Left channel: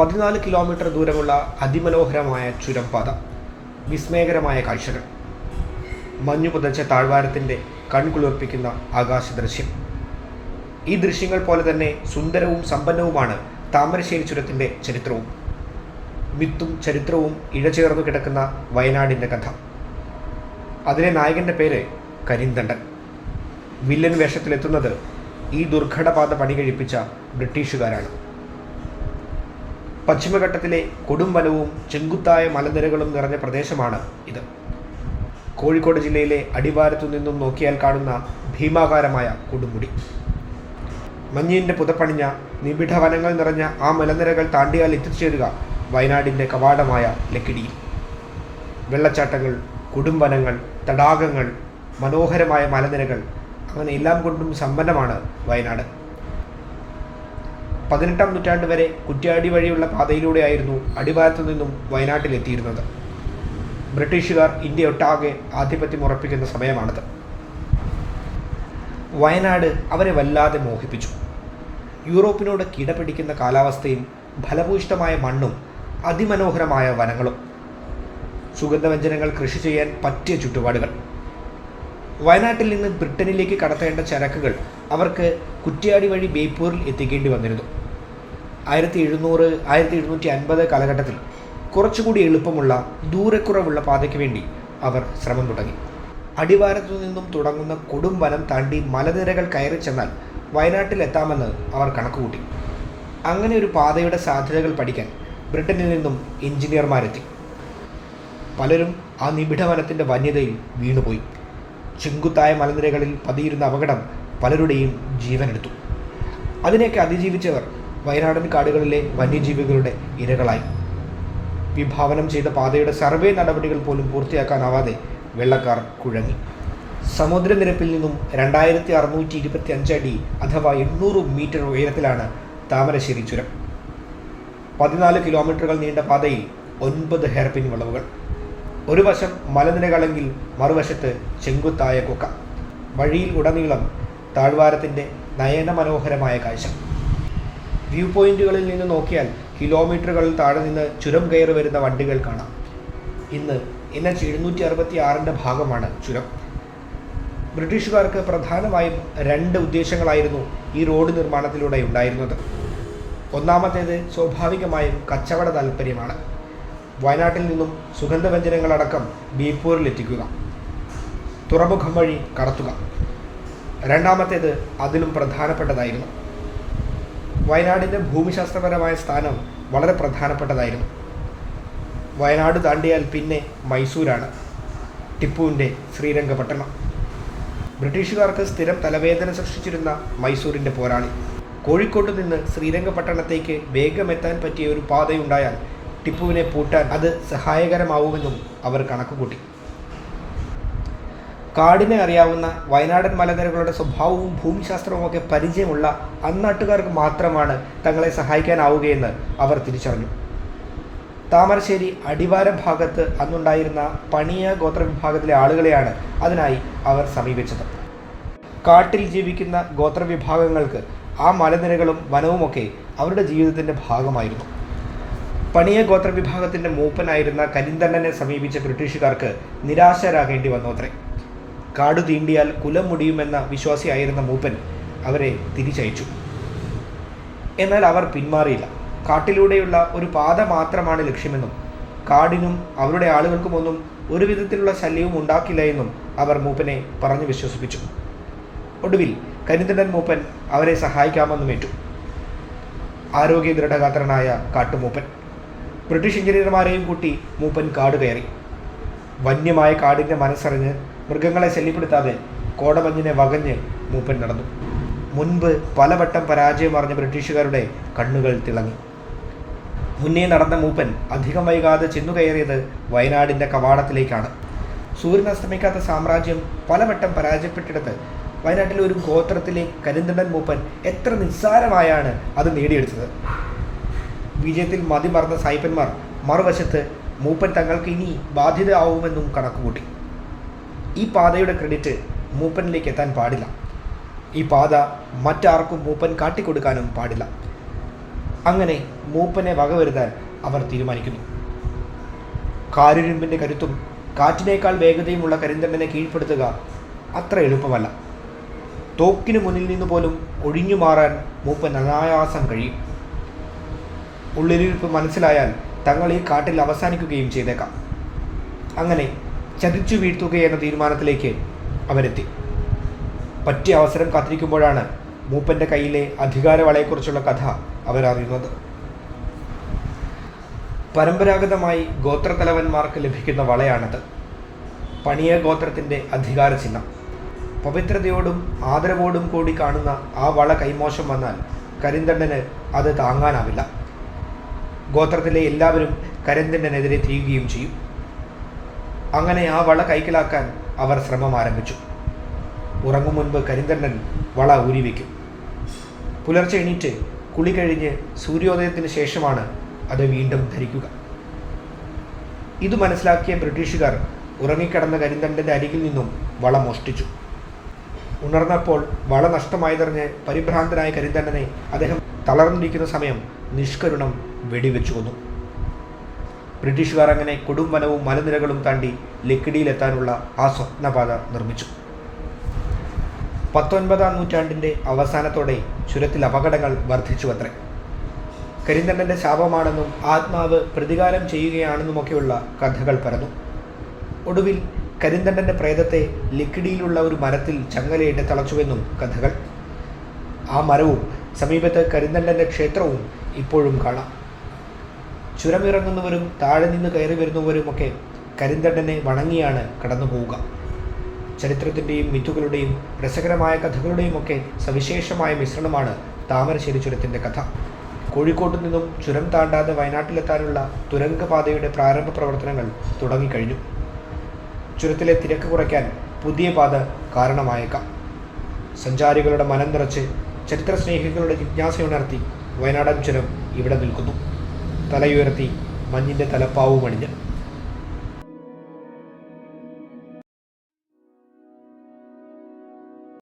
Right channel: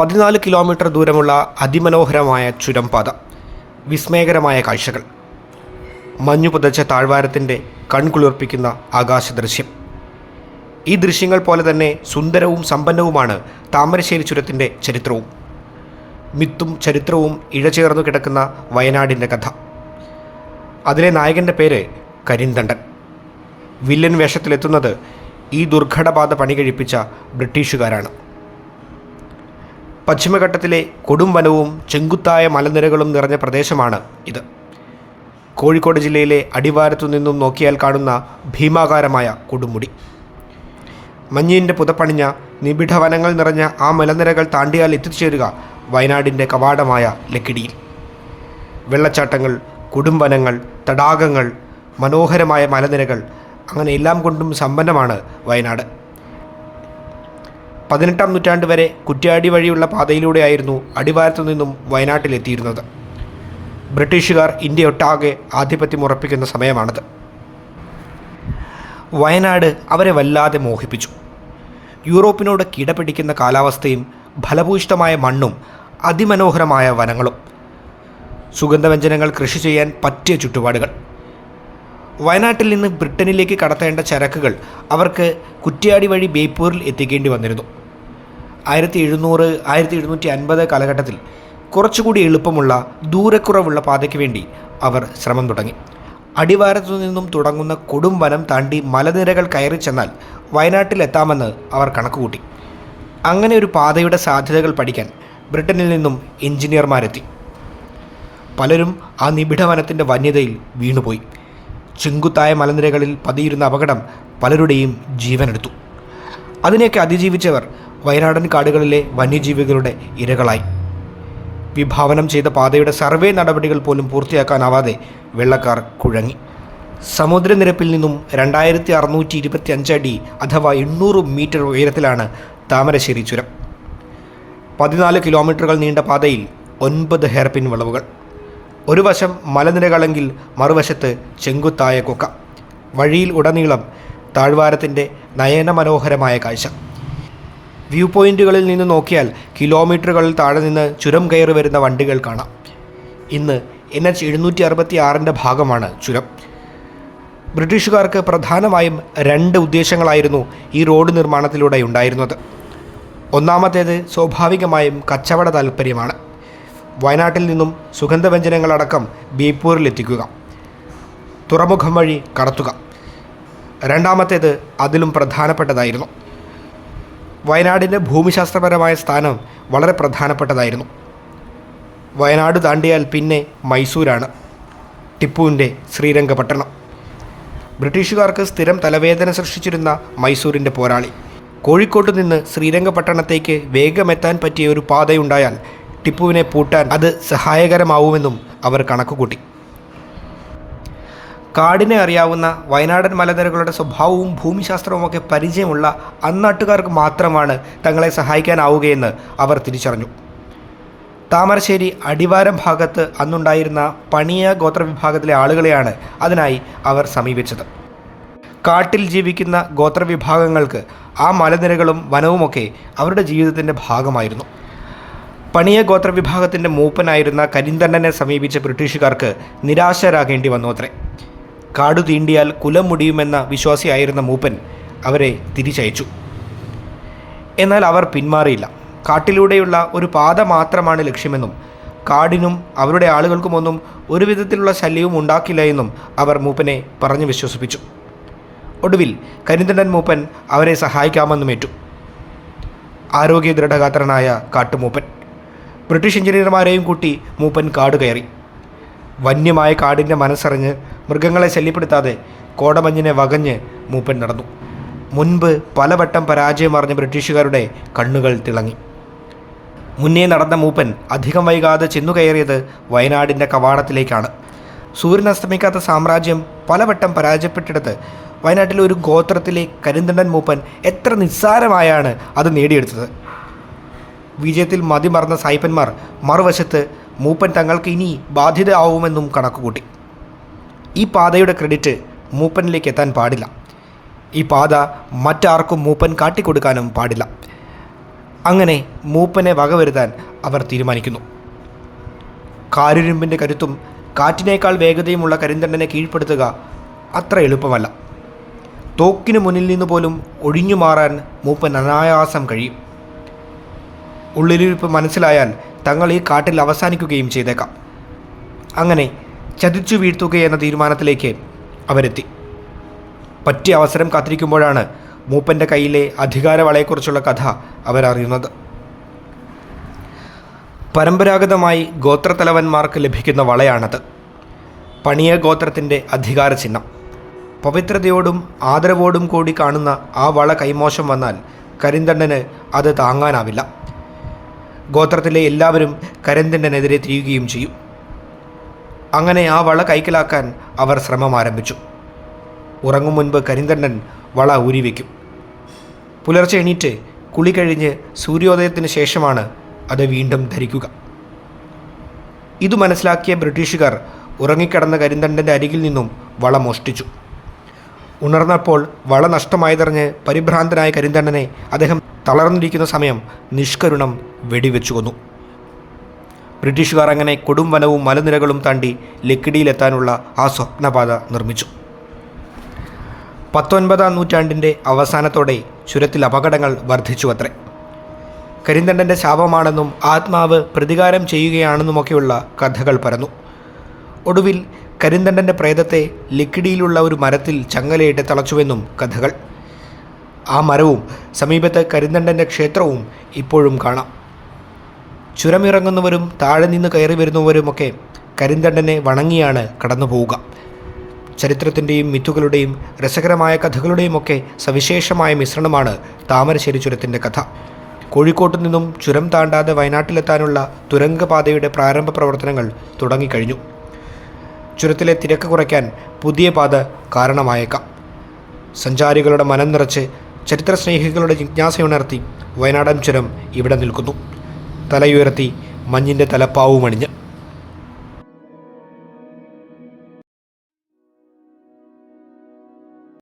പതിനാല് കിലോമീറ്റർ ദൂരമുള്ള അതിമനോഹരമായ ചുരംപാത വിസ്മയകരമായ കാഴ്ചകൾ. മഞ്ഞു പുതച്ച താഴ്വാരത്തിന്റെ കൺകുളിർപ്പിക്കുന്ന ആകാശ ദൃശ്യം ഈ ദൃശ്യങ്ങൾ പോലെ തന്നെ സുന്ദരവും സമ്പന്നവുമാണ് താമരശ്ശേരി ചുരത്തിന്റെ ചരിത്രവും. മിത്തും ചരിത്രവും ഇഴചേർന്നു കിടക്കുന്ന വയനാടിന്റെ കഥ. അതിലെ നായകന്റെ പേര് കരിന്തണ്ടൻ. വില്ലൻ വേഷത്തിലെത്തുന്നത് ഈ ദുർഘടപാത പണി കഴിപ്പിച്ച ബ്രിട്ടീഷുകാരാണ്. പശ്ചിമഘട്ടത്തിലെ കൊടും വനവും ചെങ്കുത്തായ മലനിരകളും നിറഞ്ഞ പ്രദേശമാണ് ഇത്. കോഴിക്കോട് ജില്ലയിലെ അടിവാരത്തു നിന്നും നോക്കിയാൽ കാണുന്ന ഭീമാകാരമായ കൊടുമുടി. മഞ്ഞിന്റെ പുതപ്പണിഞ്ഞ നിബിഡ വനങ്ങൾ നിറഞ്ഞ ആ മലനിരകൾ താണ്ടിയാൽ എത്തിച്ചേരുക വയനാടിന്റെ കവാടമായ ലക്കിടിയിൽ. വെള്ളച്ചാട്ടങ്ങൾ കൊടുംവനങ്ങൾ തടാകങ്ങൾ മനോഹരമായ മലനിരകൾ അങ്ങനെ എല്ലാം കൊണ്ടും സമ്പന്നമാണ് വയനാട്. പതിനെട്ടാം നൂറ്റാണ്ട് വരെ കുറ്റ്യാടി വഴിയുള്ള പാതയിലൂടെയായിരുന്നു അടിവാരത്തു നിന്നും വയനാട്ടിലെത്തിയിരുന്നത്. ബ്രിട്ടീഷുകാർ ഇന്ത്യ ഒട്ടാകെ ആധിപത്യം ഉറപ്പിക്കുന്ന സമയമാണത്. വയനാട് അവരെ വല്ലാതെ മോഹിപ്പിച്ചു. യൂറോപ്പിനോട് കിടപിടിക്കുന്ന കാലാവസ്ഥയും ഫലഭൂയിഷ്ടമായ മണ്ണും അതിമനോഹരമായ വനങ്ങളും. സുഗന്ധവ്യഞ്ജനങ്ങൾ കൃഷി ചെയ്യാൻ പറ്റിയ ചുറ്റുപാടുകൾ. വയനാട്ടിൽ നിന്ന് ബ്രിട്ടനിലേക്ക് കടത്തേണ്ട ചരക്കുകൾ അവർക്ക് കുറ്റ്യാടി വഴി ബേപ്പൂരിൽ എത്തിക്കേണ്ടി വന്നിരുന്നു. ആയിരത്തി എഴുന്നൂറ് ആയിരത്തി എഴുന്നൂറ്റി അൻപത് കാലഘട്ടത്തിൽ കുറച്ചുകൂടി എളുപ്പമുള്ള ദൂരക്കുറവുള്ള പാതയ്ക്ക് വേണ്ടി അവർ ശ്രമം തുടങ്ങി. അടിവാരത്തു നിന്നും തുടങ്ങുന്ന കൊടും വനം താണ്ടി മലനിരകൾ കയറി ചെന്നാൽ വയനാട്ടിലെത്താമെന്ന് അവർ കണക്കുകൂട്ടി. അങ്ങനെ ഒരു പാതയുടെ സാധ്യതകൾ പഠിക്കാൻ ബ്രിട്ടനിൽ നിന്നും എഞ്ചിനീയർമാരെത്തി. പലരും ആ നിബിഡ വനത്തിന്റെ വന്യതയിൽ വീണുപോയി. ചെങ്കുത്തായ മലനിരകളിൽ പതിയിരുന്ന അപകടം പലരുടെയും ജീവനെടുത്തു. അതിനെയൊക്കെ അതിജീവിച്ചവർ വയനാടൻ കാടുകളിലെ വന്യജീവികളുടെ ഇരകളായി. വിഭാവനം ചെയ്ത പാതയുടെ സർവേ നടപടികൾ പോലും പൂർത്തിയാക്കാനാവാതെ വെള്ളക്കാർ കുഴങ്ങി. സമുദ്രനിരപ്പിൽ നിന്നും രണ്ടായിരത്തി അറുന്നൂറ്റി ഇരുപത്തി അഞ്ചടി അഥവാ എണ്ണൂറ് മീറ്റർ ഉയരത്തിലാണ് താമരശ്ശേരി ചുരം. പതിനാല് കിലോമീറ്ററുകൾ നീണ്ട പാതയിൽ ഒൻപത് ഹെയർപിൻ വളവുകൾ. ഒരു വശം മലനിരകളെങ്കിൽ മറുവശത്ത് ചെങ്കുത്തായ കൊക്ക. വഴിയിൽ ഉടനീളം താഴ്വാരത്തിന്റെ നയനമനോഹരമായ കാഴ്ച. വ്യൂ പോയിന്റുകളിൽ നിന്ന് നോക്കിയാൽ കിലോമീറ്ററുകളിൽ താഴെ നിന്ന് ചുരം കയറി വരുന്ന വണ്ടികൾ കാണാം. ഇന്ന് എൻ എച്ച് എഴുന്നൂറ്റി അറുപത്തി ആറിന്റെ ഭാഗമാണ് ചുരം. ബ്രിട്ടീഷുകാർക്ക് പ്രധാനമായും രണ്ട് ഉദ്ദേശങ്ങളായിരുന്നു ഈ റോഡ് നിർമ്മാണത്തിലൂടെ ഉണ്ടായിരുന്നത്. ഒന്നാമത്തേത് സ്വാഭാവികമായും കച്ചവട താൽപ്പര്യമാണ്. വയനാട്ടിൽ നിന്നും സുഗന്ധവ്യഞ്ജനങ്ങളടക്കം ബീപ്പൂരിലെത്തിക്കുക തുറമുഖം വഴി കടത്തുക. രണ്ടാമത്തേത് അതിലും പ്രധാനപ്പെട്ടതായിരുന്നു. വയനാടിന്റെ ഭൂമിശാസ്ത്രപരമായ സ്ഥാനം വളരെ പ്രധാനപ്പെട്ടതായിരുന്നു. വയനാട് താണ്ടിയാൽ പിന്നെ മൈസൂരാണ്. ടിപ്പുവിന്റെ ശ്രീരംഗപട്ടണം. ബ്രിട്ടീഷുകാർക്ക് സ്ഥിരം തലവേദന സൃഷ്ടിച്ചിരുന്ന മൈസൂരിന്റെ പോരാളി. കോഴിക്കോട്ട് നിന്ന് ശ്രീരംഗപട്ടണത്തേക്ക് വേഗമെത്താൻ പറ്റിയ ഒരു പാതയുണ്ടായാൽ ടിപ്പുവിനെ പൂട്ടാൻ അത് സഹായകരമാവുമെന്നും അവർ കണക്കുകൂട്ടി. കാടിനെ അറിയാവുന്ന വയനാടൻ മലനിരകളുടെ സ്വഭാവവും ഭൂമിശാസ്ത്രവും ഒക്കെ പരിചയമുള്ള അന്നാട്ടുകാർക്ക് മാത്രമാണ് തങ്ങളെ സഹായിക്കാനാവുകയെന്ന് അവർ തിരിച്ചറിഞ്ഞു. താമരശ്ശേരി അടിവാരം ഭാഗത്ത് അന്നുണ്ടായിരുന്ന പണിയ ഗോത്രവിഭാഗത്തിലെ ആളുകളെയാണ് അതിനായി അവർ സമീപിച്ചത്. കാട്ടിൽ ജീവിക്കുന്ന ഗോത്രവിഭാഗങ്ങൾക്ക് ആ മലനിരകളും വനവുമൊക്കെ അവരുടെ ജീവിതത്തിന്റെ ഭാഗമായിരുന്നു. പണിയ ഗോത്രവിഭാഗത്തിന്റെ മൂപ്പനായിരുന്ന കരിന്തണ്ണനെ സമീപിച്ച ബ്രിട്ടീഷുകാർക്ക് നിരാശരാകേണ്ടി വന്നു അത്രേ. കാടു തീണ്ടിയാൽ കുലം മുടിയുമെന്ന വിശ്വാസിയായിരുന്ന മൂപ്പൻ അവരെ തിരിച്ചയച്ചു. എന്നാൽ അവർ പിന്മാറിയില്ല. കാട്ടിലൂടെയുള്ള ഒരു പാത മാത്രമാണ് ലക്ഷ്യമെന്നും കാടിനും അവരുടെ ആളുകൾക്കുമൊന്നും ഒരു വിധത്തിലുള്ള ശല്യവും ഉണ്ടാക്കില്ല എന്നും അവർ മൂപ്പനെ പറഞ്ഞു വിശ്വസിപ്പിച്ചു. ഒടുവിൽ കരിന്തണ്ടൻ മൂപ്പൻ അവരെ സഹായിക്കാമെന്നും ഏറ്റു. ആരോഗ്യ ദൃഢഗാത്രനായ കാട്ടുമൂപ്പൻ. ബ്രിട്ടീഷ് എഞ്ചിനീയർമാരെയും കൂട്ടി മൂപ്പൻ കാട് കയറി. വന്യമായ കാടിന്റെ മനസ്സറിഞ്ഞ് മൃഗങ്ങളെ ശല്യപ്പെടുത്താതെ കോടമഞ്ഞിനെ വകഞ്ഞ് മൂപ്പൻ നടന്നു. മുൻപ് പലവട്ടം പരാജയമറിഞ്ഞ ബ്രിട്ടീഷുകാരുടെ കണ്ണുകൾ തിളങ്ങി. മുന്നേ നടന്ന മൂപ്പൻ അധികം വൈകാതെ ചെന്നുകയറിയത് വയനാടിന്റെ കവാടത്തിലേക്കാണ്. സൂര്യൻ അസ്തമിക്കാത്ത സാമ്രാജ്യം പലവട്ടം പരാജയപ്പെട്ടിടത്ത് വയനാട്ടിലെ ഒരു ഗോത്രത്തിലെ കരിന്തണ്ടൻ മൂപ്പൻ എത്ര നിസ്സാരമായാണ് അത് നേടിയെടുത്തത്. വിജയത്തിൽ മതിമറന്ന സായിപ്പന്മാർ മറുവശത്ത് മൂപ്പൻ തങ്ങൾക്ക് ഇനി ബാധ്യത ആവുമെന്നും കണക്കുകൂട്ടി. ഈ പാതയുടെ ക്രെഡിറ്റ് മൂപ്പനിലേക്ക് എത്താൻ പാടില്ല. ഈ പാത മറ്റാർക്കും മൂപ്പൻ കാട്ടിക്കൊടുക്കാനും പാടില്ല. അങ്ങനെ മൂപ്പനെ വകവരുത്താൻ അവർ തീരുമാനിക്കുന്നു. കാരുരുമ്പിന്റെ കരുത്തും കാറ്റിനേക്കാൾ വേഗതയുമുള്ള കരിന്തണ്ടനെ കീഴ്പ്പെടുത്തുക അത്ര എളുപ്പമല്ല. തോക്കിന് മുന്നിൽ നിന്ന് പോലും ഒഴിഞ്ഞു മാറാൻ മൂപ്പൻ അനായാസം കഴിയും. ഉള്ളിലിരിപ്പ് മനസ്സിലായാൽ തങ്ങൾ ഈ കാട്ടിൽ അവസാനിക്കുകയും ചെയ്തേക്കാം. അങ്ങനെ ചതിച്ചു വീഴ്ത്തുകയെന്ന തീരുമാനത്തിലേക്ക് അവരെത്തി. പറ്റിയ അവസരം കാത്തിരിക്കുമ്പോഴാണ് മൂപ്പന്റെ കയ്യിലെ അധികാരവളയെക്കുറിച്ചുള്ള കഥ അവരറിയുന്നത്. പരമ്പരാഗതമായി ഗോത്രത്തലവന്മാർക്ക് ലഭിക്കുന്ന വളയാണത്. പണിയ ഗോത്രത്തിന്റെ അധികാര ചിഹ്നം പവിത്രതയോടും ആദരവോടും കൂടി കാണുന്ന ആ വള കൈമോശം വന്നാൽ കരിന്തണ്ണന് അത് താങ്ങാനാവില്ല. ഗോത്രത്തിലെ എല്ലാവരും കരിന്തണ്ണനെതിരെ തിരിയുകയും ചെയ്യും. അങ്ങനെ ആ വള കൈക്കലാക്കാൻ അവർ ശ്രമം ആരംഭിച്ചു. ഉറങ്ങും മുൻപ് കരിന്തണ്ണൻ വള ഊരിവെക്കും പുലർച്ചെ എണീറ്റ് കുളി കഴിഞ്ഞ് സൂര്യോദയത്തിന് ശേഷമാണ് അത് വീണ്ടും ധരിക്കുക. ഇത് മനസ്സിലാക്കിയ ബ്രിട്ടീഷുകാർ ഉറങ്ങിക്കിടന്ന കരിന്തണ്ടന്റെ അരികിൽ നിന്നും വള മോഷ്ടിച്ചു. ഉണർന്നപ്പോൾ വള നഷ്ടമായതറിഞ്ഞ് പരിഭ്രാന്തനായ കരിന്തണ്ടനെ അദ്ദേഹം തളർന്നിരിക്കുന്ന സമയം നിഷ്കരുണം വെടിവെച്ചു കൊന്നു. ബ്രിട്ടീഷുകാർ അങ്ങനെ കൊടും വനവും മലനിരകളും താണ്ടി ലക്കിടിയിലെത്താനുള്ള ആ സ്വപ്നപാത നിർമ്മിച്ചു. പത്തൊൻപതാം നൂറ്റാണ്ടിന്റെ അവസാനത്തോടെ ചുരത്തിൽ അപകടങ്ങൾ വർദ്ധിച്ചു അത്രേ കരിന്തണ്ടന്റെ ശാപമാണെന്നും ആത്മാവ് പ്രതികാരം ചെയ്യുകയാണെന്നുമൊക്കെയുള്ള കഥകൾ പരന്നു. ഒടുവിൽ കരിന്തണ്ടന്റെ പ്രേതത്തെ ലിക്കിടിയിലുള്ള ഒരു മരത്തിൽ ചങ്ങലയിട്ട് തളച്ചുവെന്നും കഥകൾ. ആ മരവും സമീപത്ത് കരിന്തണ്ടന്റെ ക്ഷേത്രവും ഇപ്പോഴും കാണാം. ചുരമിറങ്ങുന്നവരും താഴെ നിന്ന് കയറി വരുന്നവരുമൊക്കെ കരിന്തണ്ടനെ വണങ്ങിയാണ് കടന്നു പോവുക. ചരിത്രത്തിന്റെയും മിത്തുകളുടെയും രസകരമായ കഥകളുടെയുമൊക്കെ സവിശേഷമായ മിശ്രണമാണ് താമരശ്ശേരി ചുരത്തിന്റെ കഥ. കോഴിക്കോട്ടു നിന്നും ചുരം താണ്ടാതെ വയനാട്ടിലെത്താനുള്ള തുരങ്കപാതയുടെ പ്രാരംഭ പ്രവർത്തനങ്ങൾ തുടങ്ങിക്കഴിഞ്ഞു. ചുരത്തിലെ തിരക്ക് കുറയ്ക്കാൻ പുതിയ പാത കാരണമായേക്കാം. സഞ്ചാരികളുടെ മനം നിറച്ച് ചരിത്രസ്നേഹികളുടെ ജിജ്ഞാസയുണർത്തി വയനാടൻ ചുരം ഇവിടെ നിൽക്കുന്നു. തലയുയർത്തി മഞ്ഞിന്റെ തലപ്പാവുമണിഞ്ഞ്